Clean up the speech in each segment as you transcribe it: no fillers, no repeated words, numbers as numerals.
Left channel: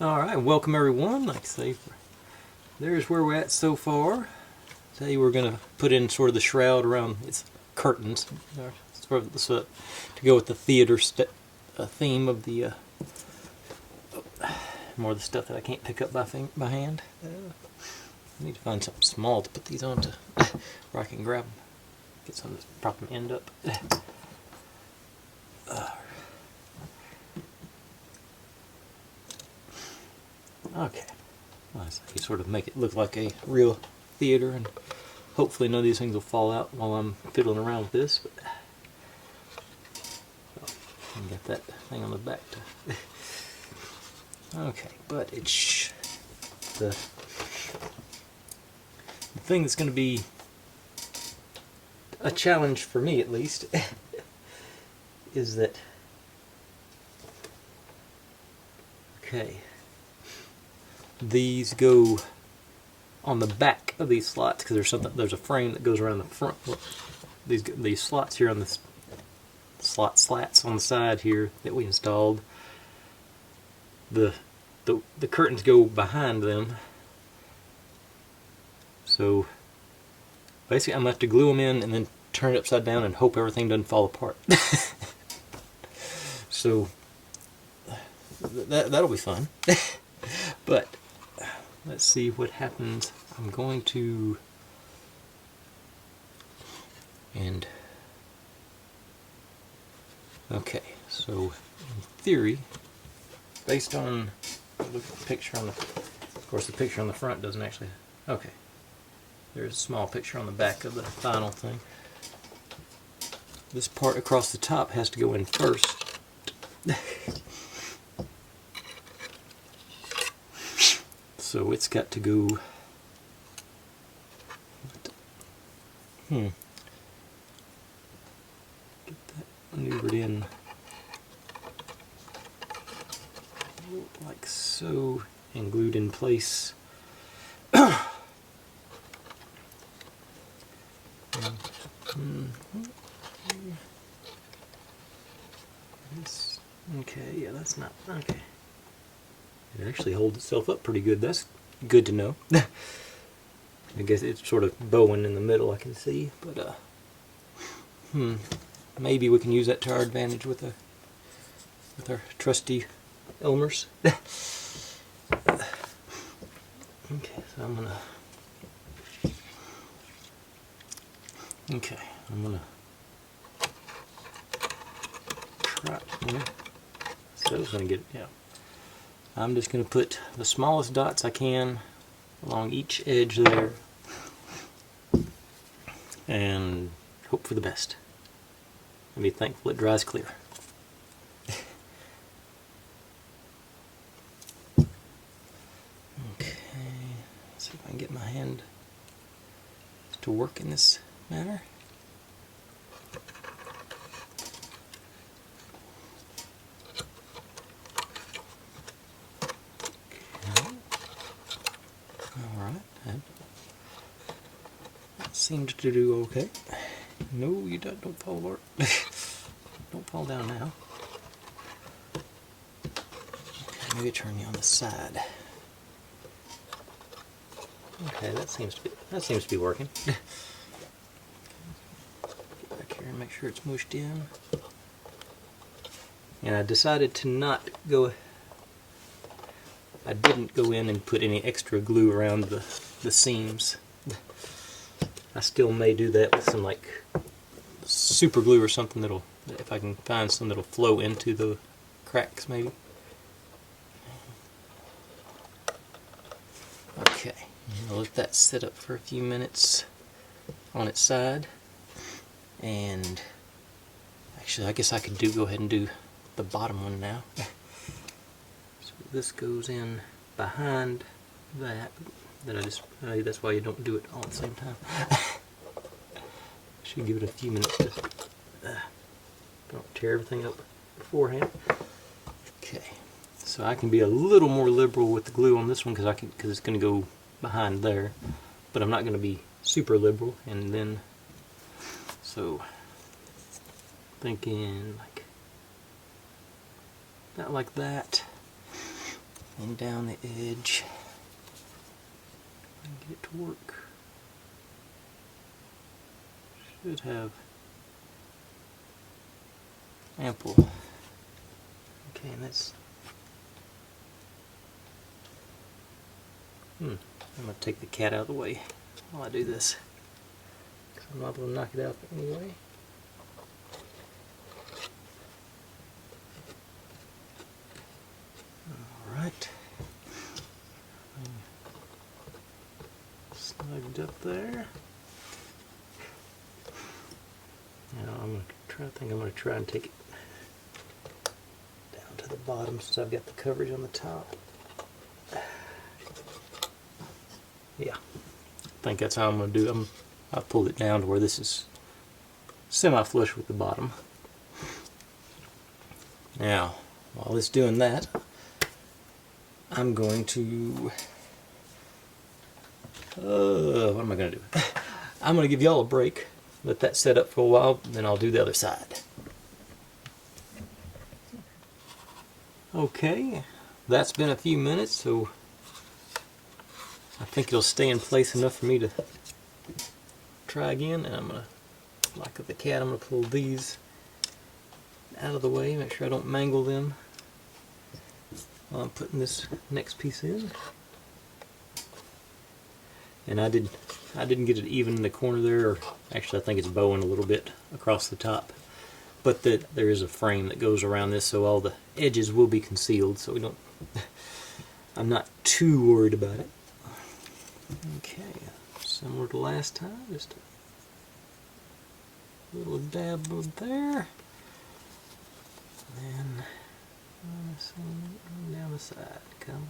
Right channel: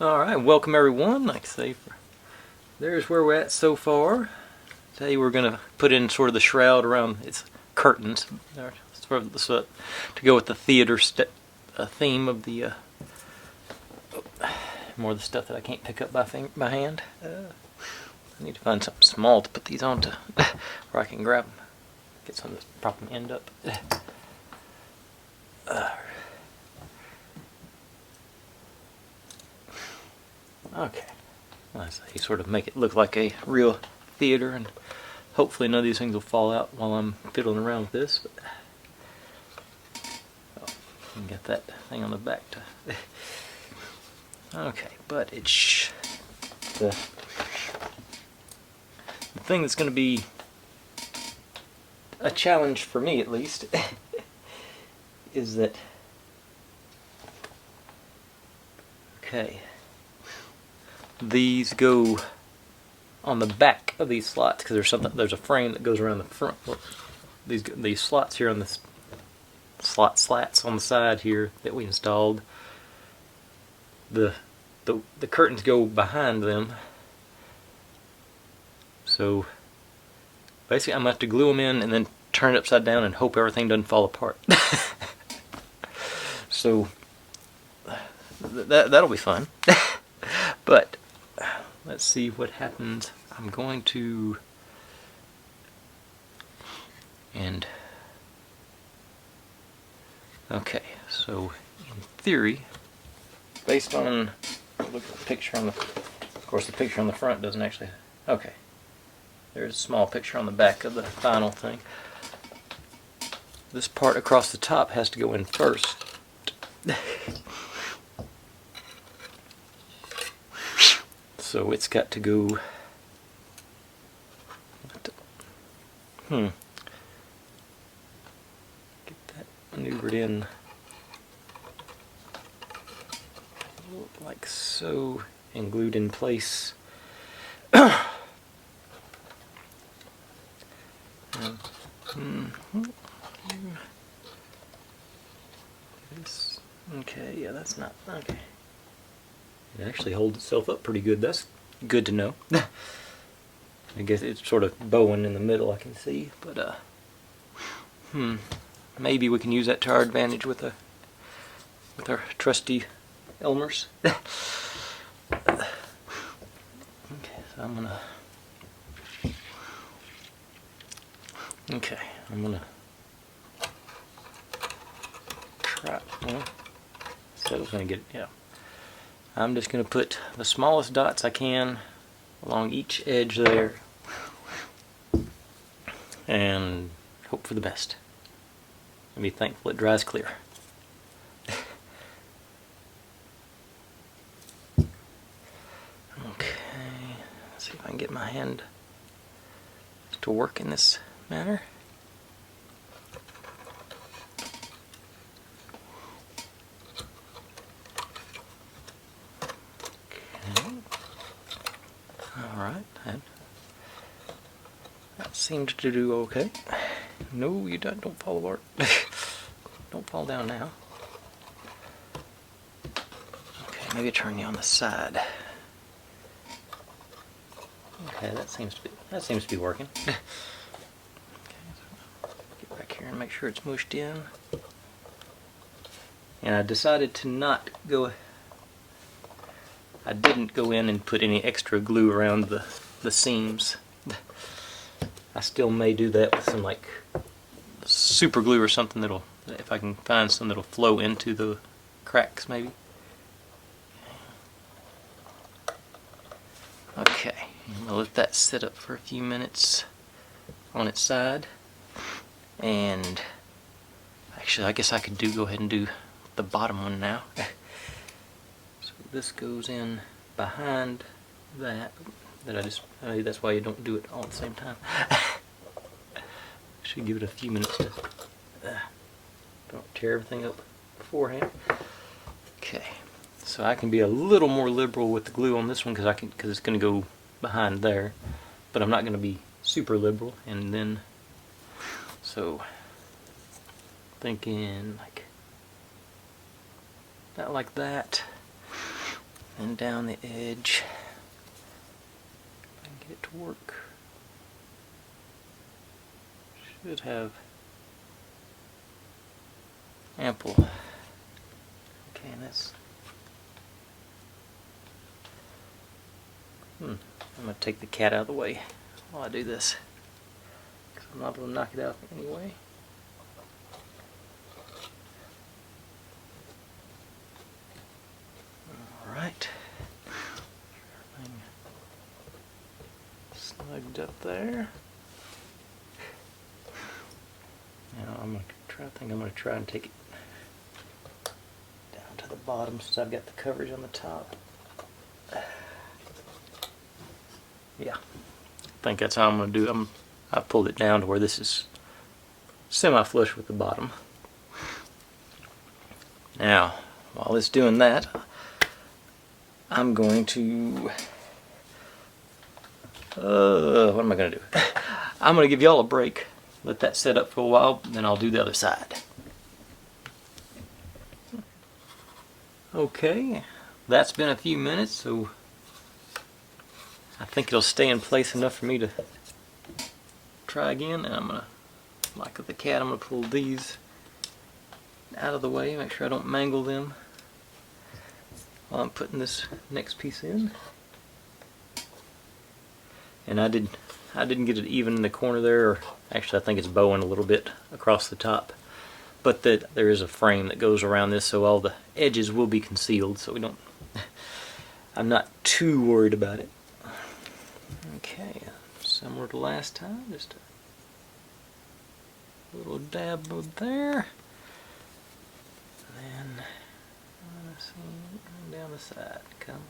Alright, welcome everyone. Like I say, there's where we're at so far. Today we're going to put in sort of the shroud around its curtains. Sort of to go with the theater theme of the more of the stuff that I can't pick up by hand. I need to find something small to put these onto where I can grab them. Get something to prop them end up. Okay, so you sort of make it look like a real theater, and hopefully none of these things will fall out while I'm fiddling around with this. But I can get that thing on the back to. Okay, but it's the thing that's going to be a challenge for me, at least, is that. Okay. These go on the back of these slots because there's a frame that goes around the front. These slots here on the slats on the side here that we installed. The curtains go behind them. So basically I'm going to have to glue them in and then turn it upside down and hope everything doesn't fall apart. So that'll be fun. But let's see what happens. I'm going to, okay, so in theory, based on, look at the picture on of course the picture on the front doesn't actually, okay, there's a small picture on the back of the final thing. This part across the top has to go in first. So it's got to go. Get that maneuvered in like so and glued in place. Okay, yeah, that's not okay. It actually holds itself up pretty good. That's good to know. I guess it's sort of bowing in the middle, I can see, but maybe we can use that to our advantage with our trusty Elmers. Okay, so I'm gonna try. So I was gonna get, yeah. I'm just going to put the smallest dots I can along each edge there and hope for the best and be thankful it dries clear. Okay, let's see if I can get my hand to work in this manner. Alright, that seemed to do okay. No, you don't fall apart. Don't fall down now. Okay, maybe turn you on the side. Okay, that seems to be working. Okay, so get back here and make sure it's mushed in. And I decided to not go. I didn't go in and put any extra glue around the seams. I still may do that with some like super glue or something that'll, if I can find some that'll flow into the cracks maybe. Okay, I'll let that sit up for a few minutes on its side. And actually I guess I could go ahead and do the bottom one now. This goes in behind that that's why you don't do it all at the same time. Should give it a few minutes to don't tear everything up beforehand. Okay, so I can be a little more liberal with the glue on this one because it's going to go behind there, but I'm not going to be super liberal. And then so thinking like not like that. and down the edge. And get it to work. Should have ample. Okay, and that's. I'm going to take the cat out of the way while I do this, because I'm not going to knock it out anyway. Alright. Slugged up there. Now I'm going to try. I think I'm going to try and take it down to the bottom since I've got the coverage on the top. Yeah, I think that's how I'm going to do it. I pulled it down to where this is semi-flush with the bottom. Now, while it's doing that, I'm going to what am I going to do? I'm going to give y'all a break, let that set up for a while, then I'll do the other side. Okay, that's been a few minutes, so I think it'll stay in place enough for me to try again. And I'm going to, like with the cat, I'm going to pull these out of the way, make sure I don't mangle them while I'm putting this next piece in. And I didn't get it even in the corner there, or actually I think it's bowing a little bit across the top. But there is a frame that goes around this, so all the edges will be concealed, so we don't. I'm not too worried about it. Okay, similar to last time, just a little dab of there, and then down the side, come.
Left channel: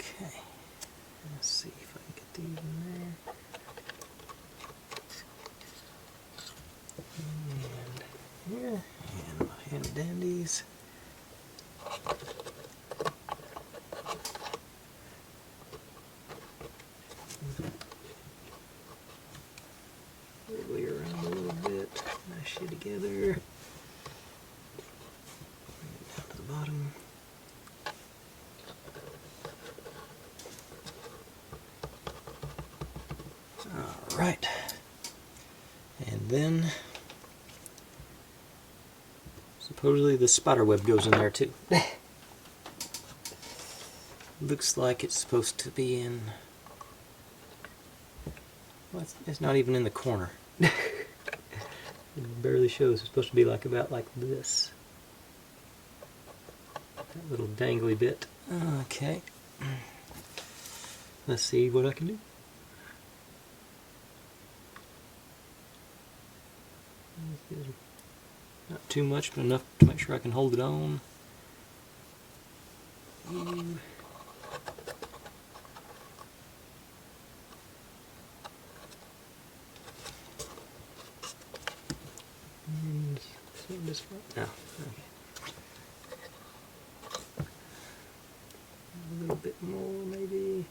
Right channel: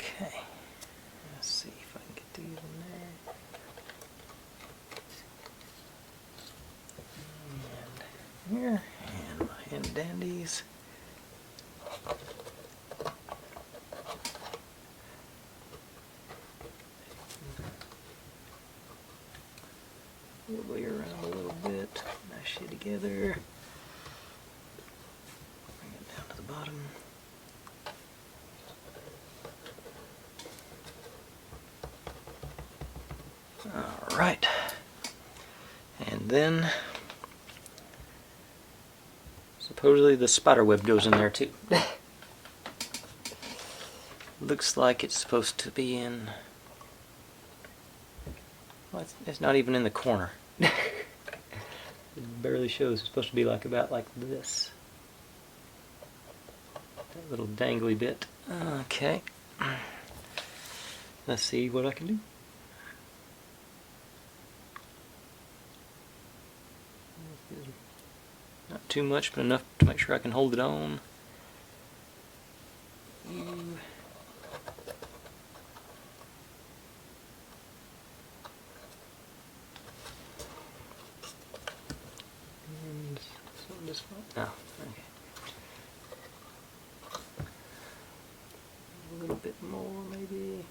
Okay, let's see if I can get these in there. And here, and my handy dandies. Wiggle you around a little bit, mash you together. Bring it down to the bottom. Alright, and then supposedly the spider web goes in there too. Looks like it's supposed to be in, well, it's not even in the corner. It barely shows. It's supposed to be like about like this. That little dangly bit. Okay, let's see what I can do. Not too much, but enough to make sure I can hold it on. And so this one? No, okay. A little bit more, maybe.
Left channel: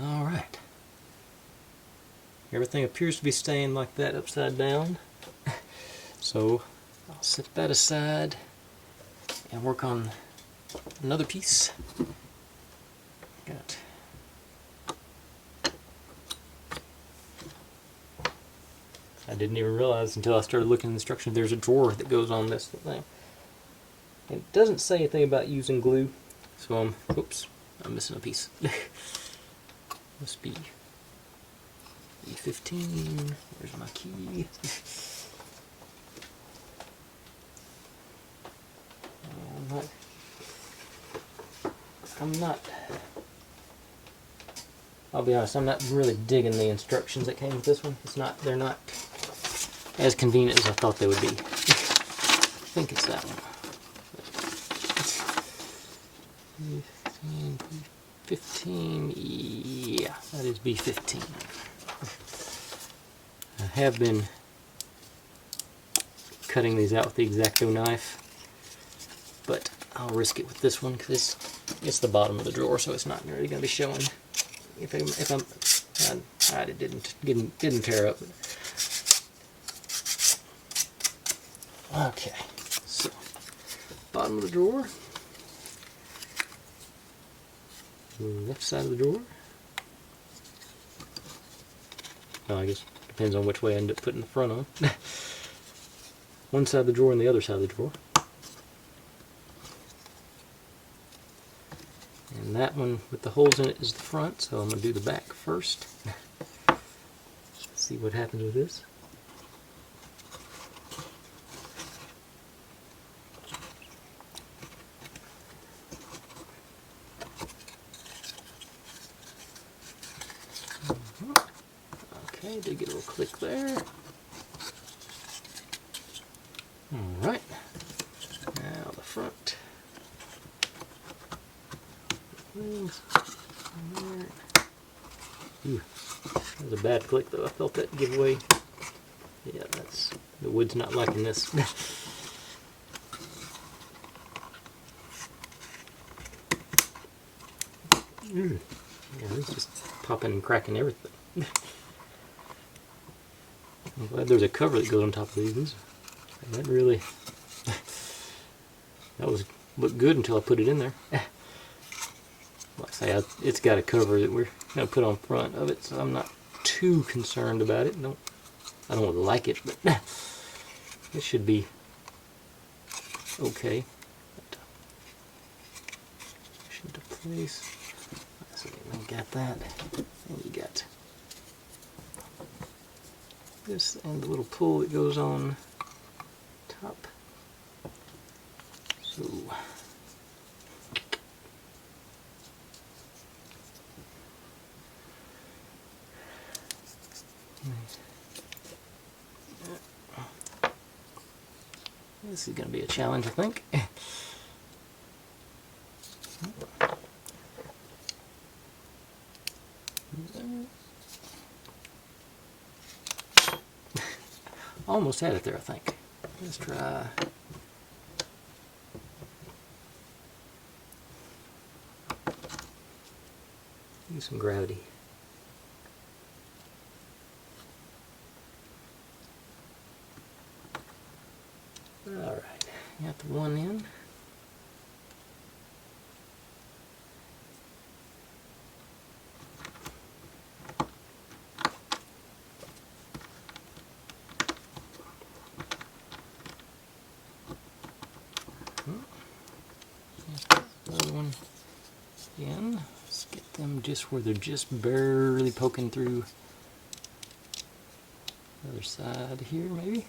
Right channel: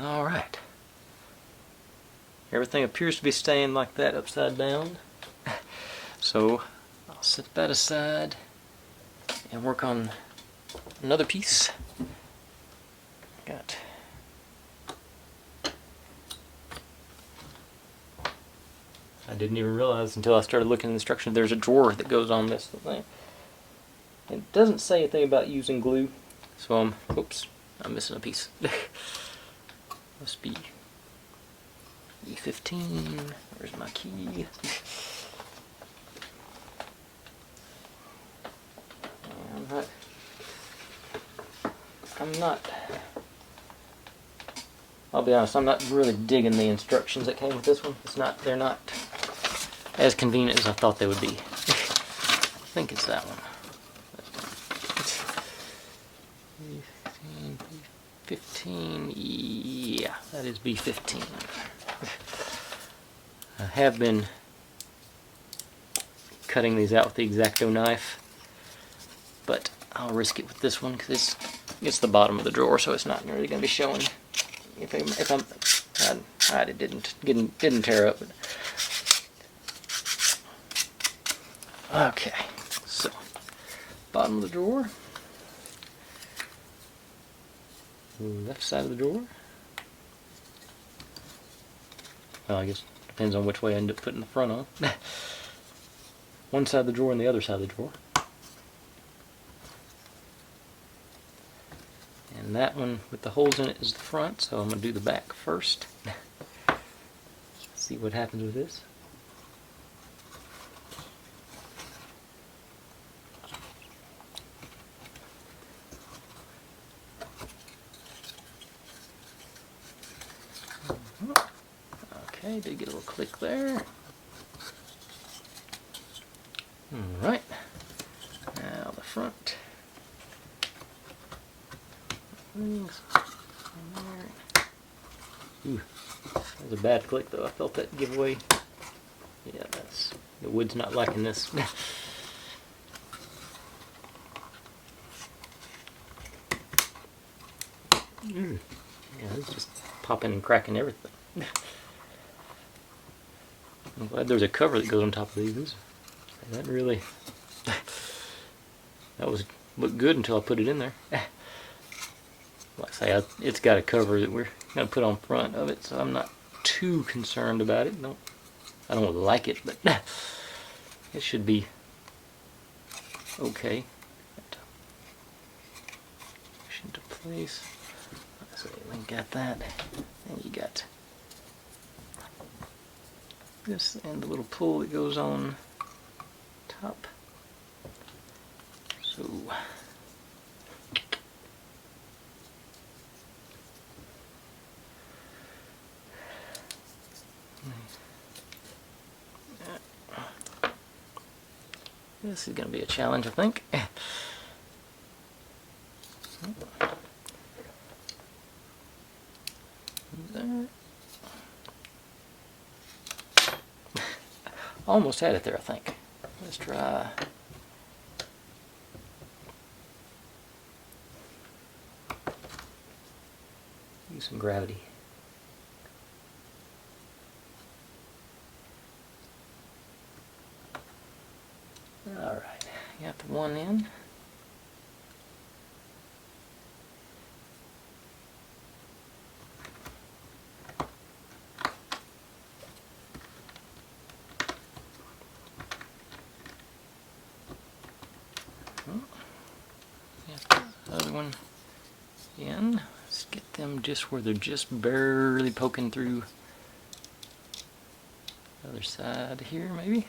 Alright. Everything appears to be staying like that upside down. So I'll set that aside and work on another piece. Got I didn't even realize until I started looking at the instructions there's a drawer that goes on this thing. It doesn't say anything about using glue, so oops, I'm missing a piece. Must be E15. Where's my key? I'm not. I'll be honest. I'm not really digging the instructions that came with this one. It's not. They're not as convenient as I thought they would be. I think it's that one. 15, yeah, that is B15. I have been cutting these out with the X-Acto knife, but I'll risk it with this one because it's the bottom of the drawer, so it's not really going to be showing. If I'm, it didn't tear up. Okay, so bottom of the drawer, left side of the drawer. Well, I guess it depends on which way I end up putting the front on. One side of the drawer and the other side of the drawer. And that one with the holes in it is the front, so I'm going to do the back first. See what happens with this. Okay, did get a little click there. Alright, now the front. Ooh, that was a bad click though. I felt that give away. Yeah, the wood's not liking this. Yeah, it's just popping and cracking everything. I'm glad there's a cover that goes on top of these. That really, that looked good until I put it in there. Like I say, it's got a cover that we're going to put on front of it, so I'm not too concerned about it. I don't like it, but it should be okay. Push into place. So we got that, and you got this and the little pull that goes on top. So this is going to be a challenge, I think. Almost had it there, I think. Let's try. Use some gravity. Alright, got the one in. Other one in. Let's get them just where they're just barely poking through. Other side here, maybe.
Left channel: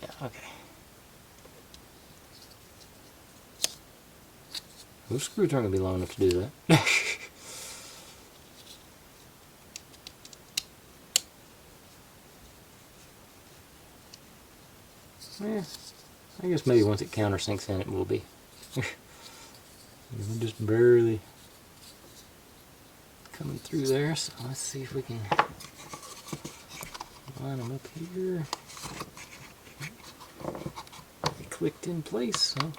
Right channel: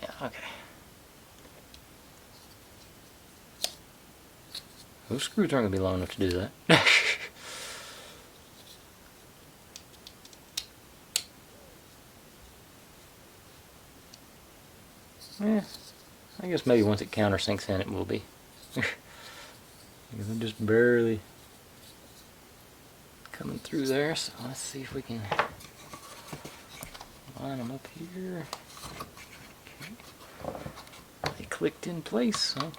Yeah, okay. Those screws aren't going to be long enough to do that. Yeah, I guess maybe once it countersinks in, it will be. We're just barely coming through there, so let's see if we can line them up here. Okay. They clicked in place, so.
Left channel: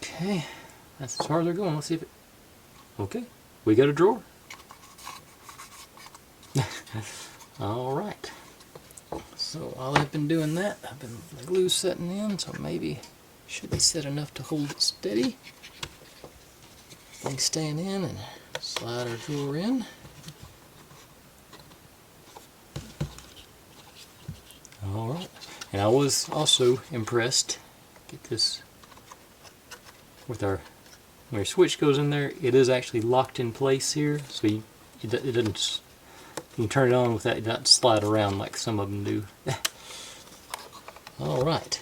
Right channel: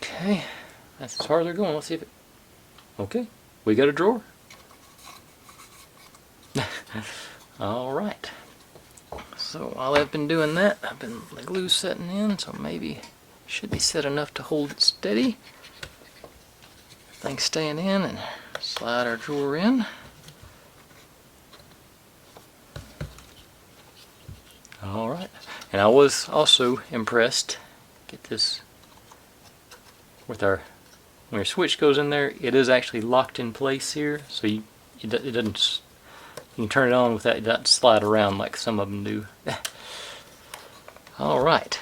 Okay, that's as far as they're going. Let's see if it... Okay, we got a drawer. Alright. So while I've been doing that, the glue setting in, so maybe should be set enough to hold it steady. Things staying in, and slide our drawer in. Alright, and I was also impressed. Get this with when your switch goes in there, it is actually locked in place here, so it doesn't. You can turn it on without it doesn't slide around like some of them do. All right,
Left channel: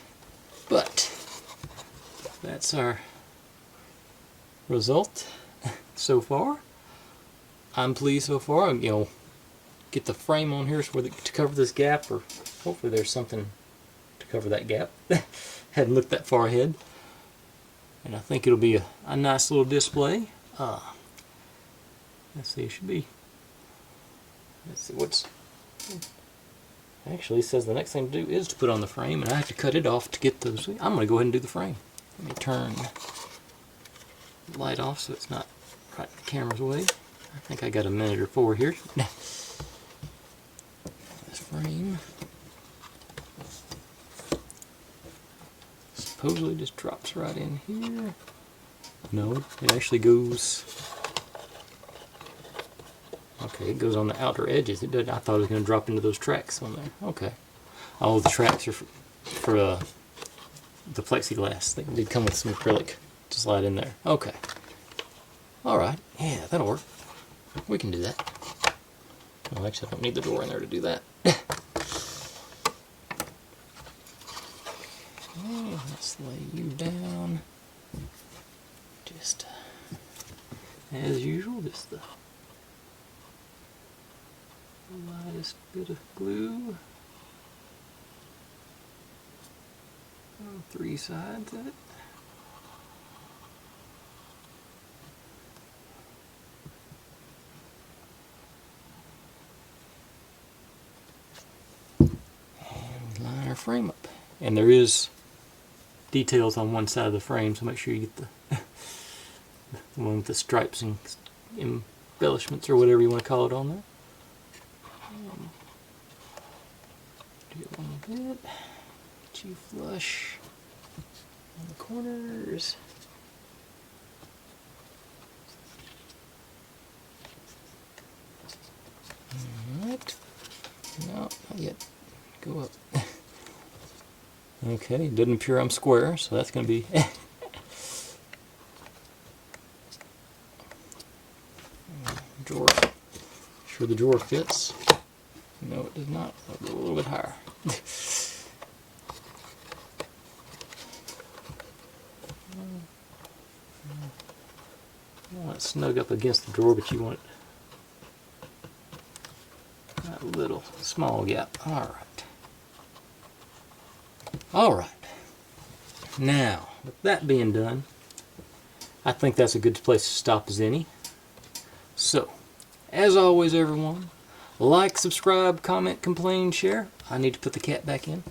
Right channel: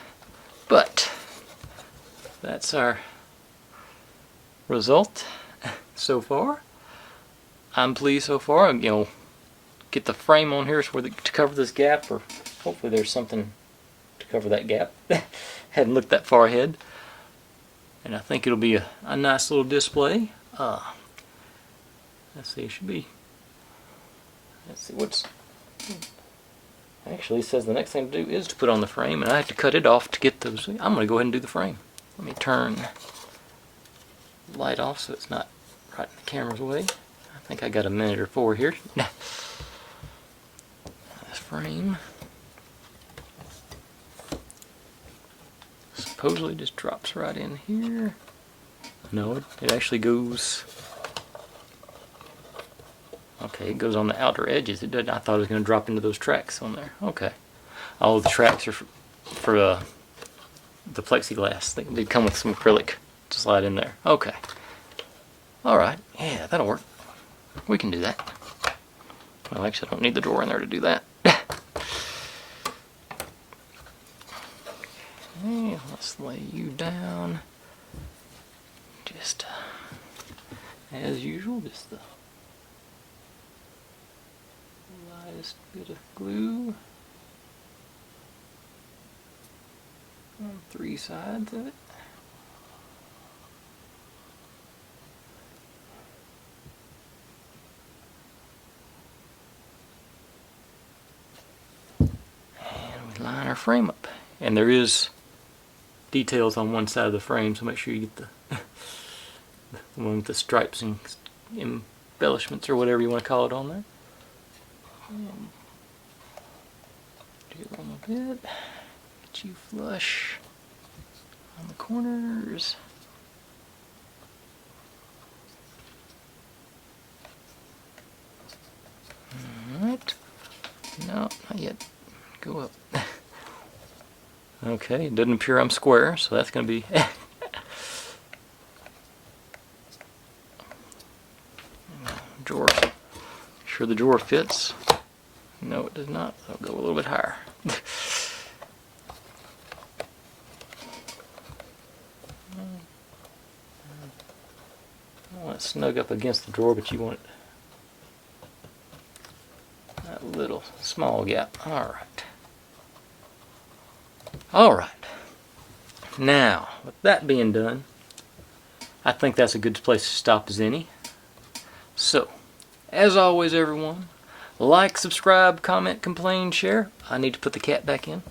but that's our result so far. I'm pleased so far. You know, get the frame on here to cover this gap, or hopefully there's something to cover that gap. Hadn't looked that far ahead, and I think it'll be a nice little display. Let's see, it should be. Let's see what's. Actually, it says the next thing to do is to put on the frame, and I have to cut it off to get those. I'm going to go ahead and do the frame. Let me turn the light off so it's not right in the camera's way. I think I got a minute or 4 here. This frame supposedly just drops right in here. No, it actually goes. Okay, it goes on the outer edges. It doesn't. I thought it was going to drop into those tracks on there. Okay. All the tracks are for the plexiglass. They come with some acrylic to slide in there. Okay. All right. Yeah, that'll work. We can do that. Well, actually, I don't need the drawer in there to do that. Okay, let's lay you down. Just as usual, just the lightest bit of glue on 3 sides of it. And we line our frame up. And there is details on one side of the frame, so make sure you get the one with the stripes and embellishments or whatever you want to call it on there. Do a little bit. Get you flush on the corners. Alright. No, not yet. Go up. Okay, it doesn't appear I'm square, so that's going to be. Drawer. Sure the drawer fits. No, it does not. I'll go a little bit higher. You want it snug up against the drawer, but you want it that little small gap. Alright. Alright. Now, with that being done, I think that's a good place to stop as any. So, as always, everyone, like, subscribe, comment, complain, share. I need to put the cat back in.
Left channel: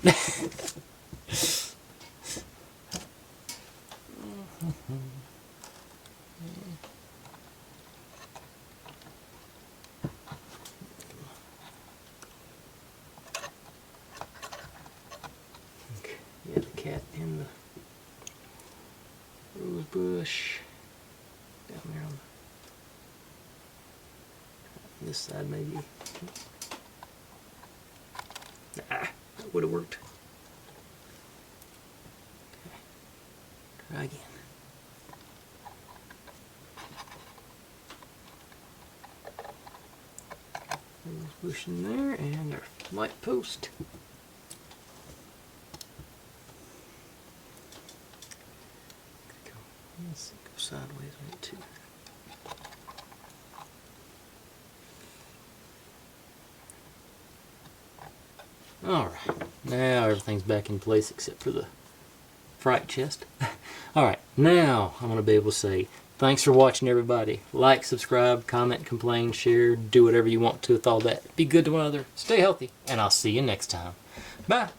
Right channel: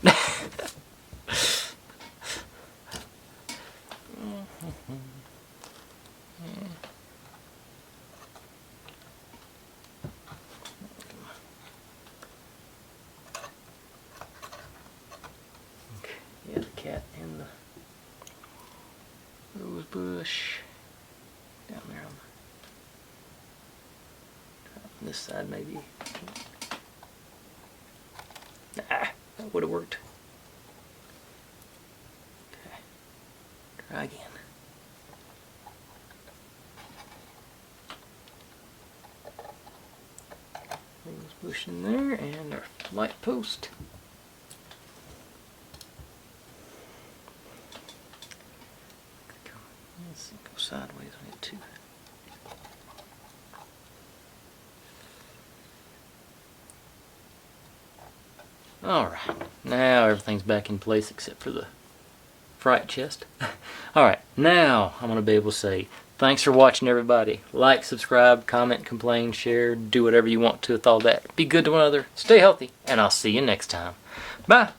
Yeah, the cat in the rose bush down there on this side, maybe. Nah, that would have worked. Okay, try again. Rose bush in there, and our light post. Let's go sideways on it too. Alright, now everything's back in place except for the fright chest. Alright, now I'm going to be able to say thanks for watching, everybody. Like, subscribe, comment, complain, share, do whatever you want to with all that. Be good to one another, stay healthy, and I'll see you next time. Bye!